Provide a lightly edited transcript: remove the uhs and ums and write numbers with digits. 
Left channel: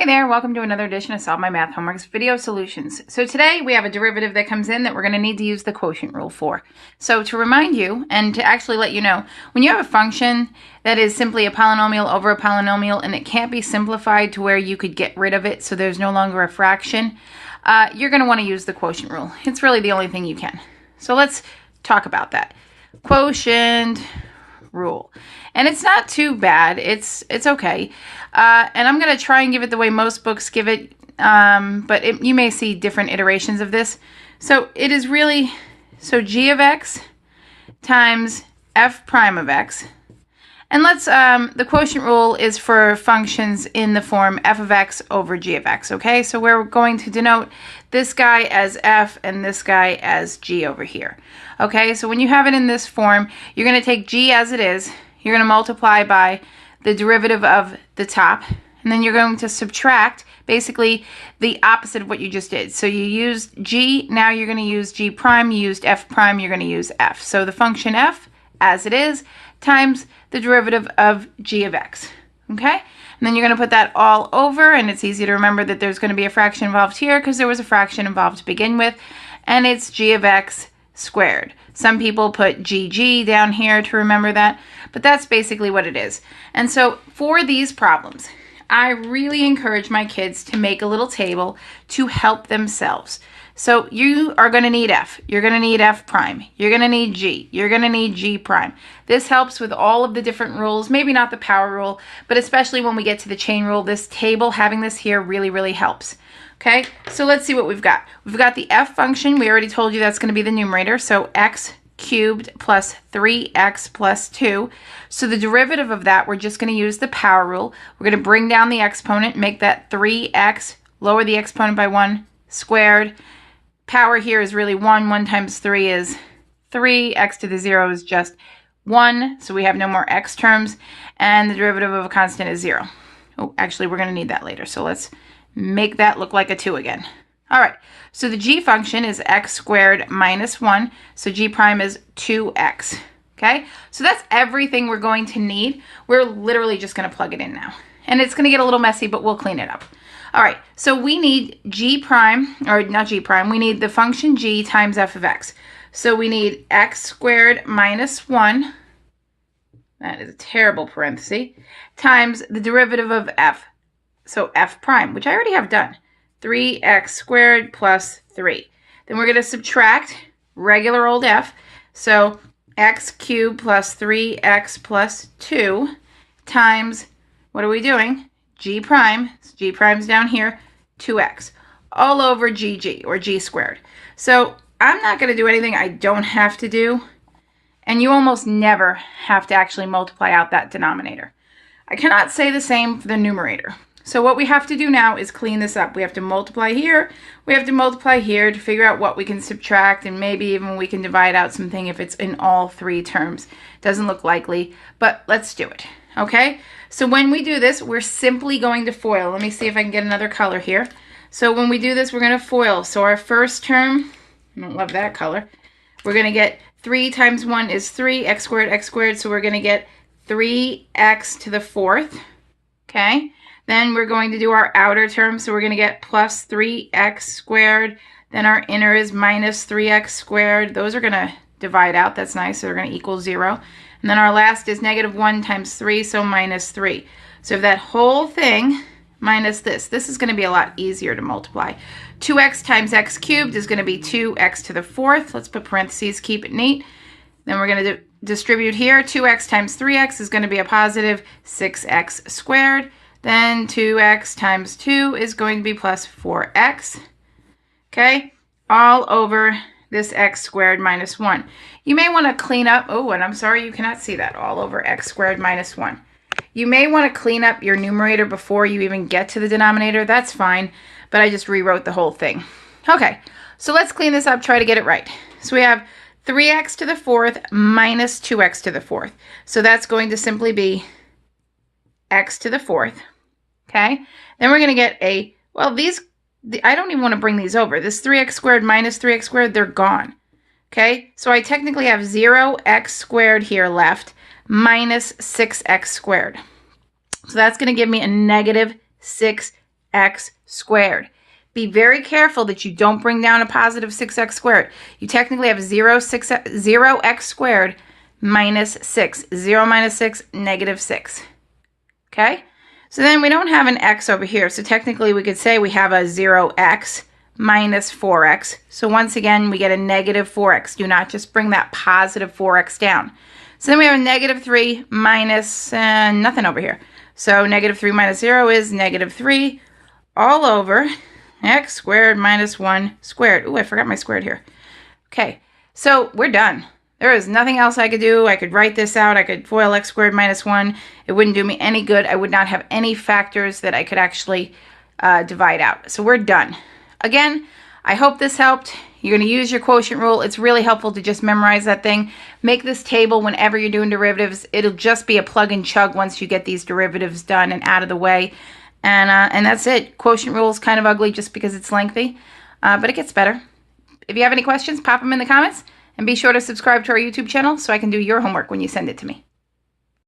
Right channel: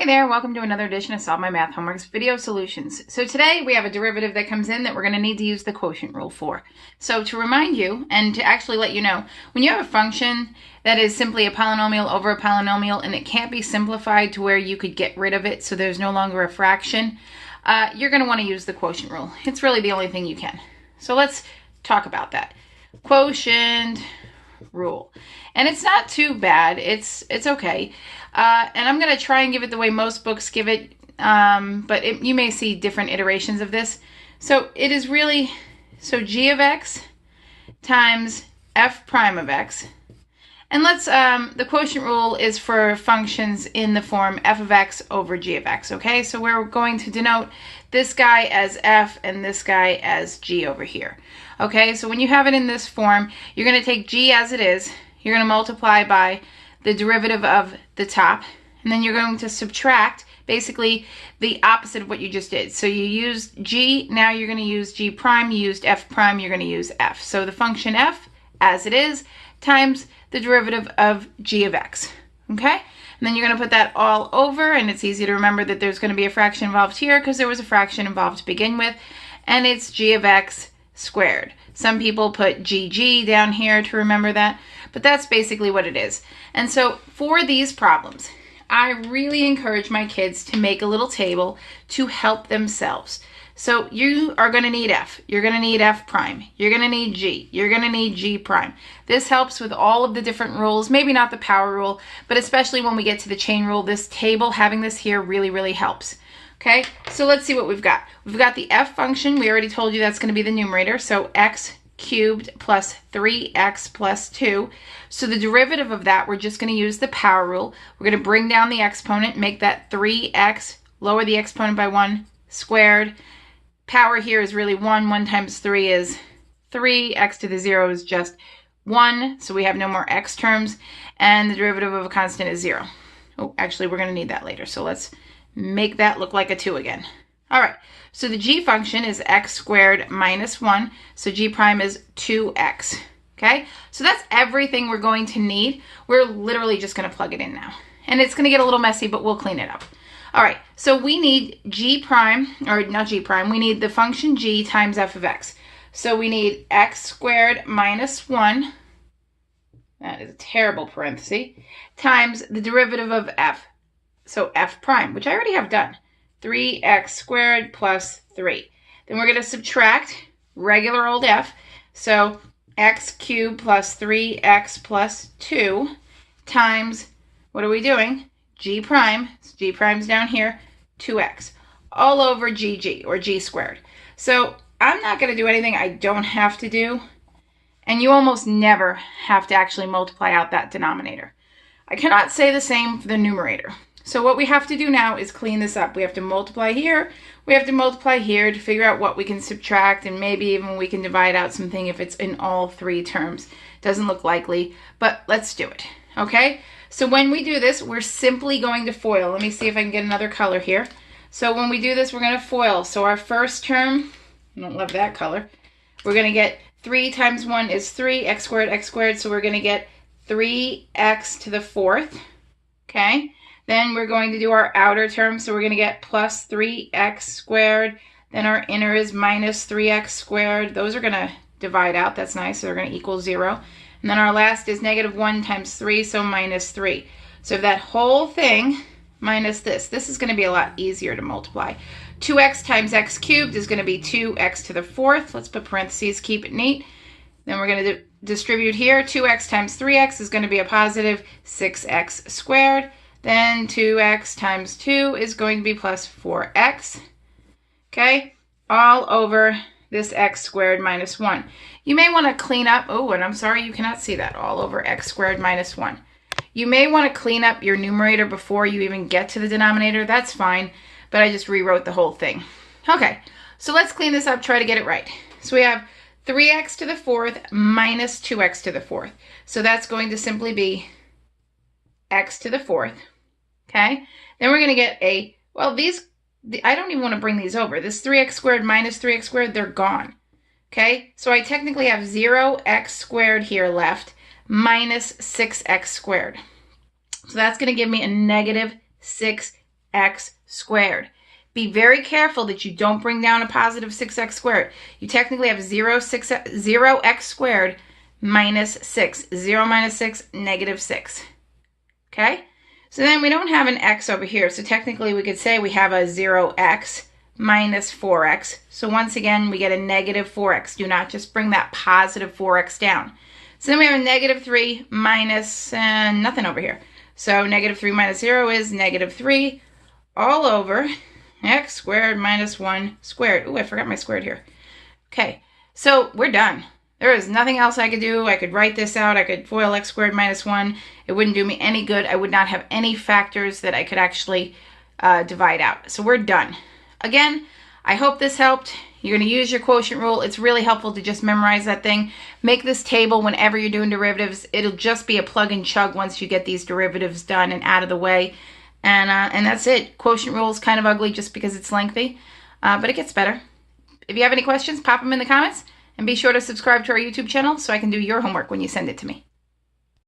Hey there, welcome to another edition of Solve My Math Homework's Video Solutions. So today we have a derivative that comes in that we're going to need to use the quotient rule for. So to remind you, and to actually let you know, when you have a function that is simply a polynomial over a polynomial and it can't be simplified to where you could get rid of it so there's no longer a fraction, you're going to want to use the quotient rule. It's really the only thing you can. So let's talk about that. Quotient rule. And it's not too bad. It's okay. And I'm going to try and give it the way most books give it, but you may see different iterations of this. So it is really, so g of x times f prime of x. And let's, the quotient rule is for functions in the form f of x over g of x, okay? So we're going to denote this guy as f and this guy as g over here. Okay, so when you have it in this form, you're going to take g as it is, you're going to multiply by the derivative of the top, and then you're going to subtract basically the opposite of what you just did. So you used g, now you're going to use g prime, you used f prime, you're going to use f. So the function f as it is times the derivative of g of x, okay? And then you're going to put that all over, and it's easy to remember that there's going to be a fraction involved here because there was a fraction involved to begin with, and it's g of x squared. Some people put gg down here to remember that, but that's basically what it is. And so for these problems, I really encourage my kids to make a little table to help themselves. So you are going to need f, you're going to need f prime, you're going to need g, you're going to need g prime. This helps with all of the different rules, maybe not the power rule, but especially when we get to the chain rule, this table, having this here really helps. Okay, so let's see what we've got. We've got the f function. We already told you that's going to be the numerator. So x cubed plus 3x plus 2. So the derivative of that, we're just going to use the power rule. We're going to bring down the exponent, make that 3x, lower the exponent by 1 squared. Power here is really 1. 1 times 3 is 3. X to the 0 is just 1. So we have no more x terms. And the derivative of a constant is 0. Oh, actually, we're going to need that later. So let's make that look like a 2 again. All right, so the g function is x squared minus 1, so g prime is 2x, okay? So that's everything we're going to need. We're literally just going to plug it in now. And it's going to get a little messy, but we'll clean it up. All right, so we need g prime, or not g prime, we need the function g times f of x. So we need x squared minus 1, that is a terrible parenthesis, times the derivative of f. So f prime, which I already have done, 3x squared plus 3. Then we're going to subtract regular old f. So x cubed plus 3x plus 2 times, what are we doing? G prime, g prime's down here, 2x, all over gg, or g squared. So I'm not going to do anything I don't have to do, and you almost never have to actually multiply out that denominator. I cannot say the same for the numerator. So what we have to do now is clean this up. We have to multiply here, we have to multiply here to figure out what we can subtract, and maybe even we can divide out something if it's in all three terms. Doesn't look likely, but let's do it, okay? So when we do this, we're simply going to FOIL. Let me see if I can get another color here. So when we do this, we're going to FOIL. So our first term, I don't love that color, we're going to get 3 times 1 is 3, x squared, so we're going to get 3x to the 4th, okay? Then we're going to do our outer term, so we're going to get plus 3x squared. Then our inner is minus 3x squared. Those are going to divide out. That's nice. So they're going to equal 0. And then our last is negative 1 times 3, so minus 3. So that whole thing minus this. This is going to be a lot easier to multiply. 2x times x cubed is going to be 2x to the 4th. Let's put parentheses, keep it neat. Then we're going to distribute here. 2x times 3x is going to be a positive 6x squared. Then 2x times 2 is going to be plus 4x, okay, all over this x squared minus 1. You may want to clean up, oh, and I'm sorry you cannot see that, all over x squared minus 1. You may want to clean up your numerator before you even get to the denominator. That's fine, but I just rewrote the whole thing. Okay, so let's clean this up, try to get it right. So we have 3x to the 4th minus 2x to the 4th. So that's going to simply be x to the 4th. Okay, then we're going to get a, well, I don't even want to bring these over. This 3x squared minus 3x squared, they're gone. Okay, so I technically have 0x squared here left minus 6x squared. So that's going to give me a negative 6 6x squared. Be very careful that you don't bring down a positive 6x squared. You technically have 0x squared minus 6. 0 minus 6, negative 6. Okay? So then we don't have an x over here. So technically we could say we have a 0x minus 4x. So once again, we get a negative 4x. Do not just bring that positive 4x down. So then we have a negative 3 minus nothing over here. So negative 3 minus 0 is negative 3 all over x squared minus 1 squared. Ooh, I forgot my squared here. Okay, so we're done. There is nothing else I could do. I could write this out. I could FOIL x squared minus 1. It wouldn't do me any good. I would not have any factors that I could actually divide out. So we're done. Again, I hope this helped. You're going to use your quotient rule. It's really helpful to just memorize that thing. Make this table whenever you're doing derivatives. It'll just be a plug and chug once you get these derivatives done and out of the way. And that's it. Quotient rule is kind of ugly just because it's lengthy, but it gets better. If you have any questions, pop them in the comments. And be sure to subscribe to our YouTube channel so I can do your homework when you send it to me.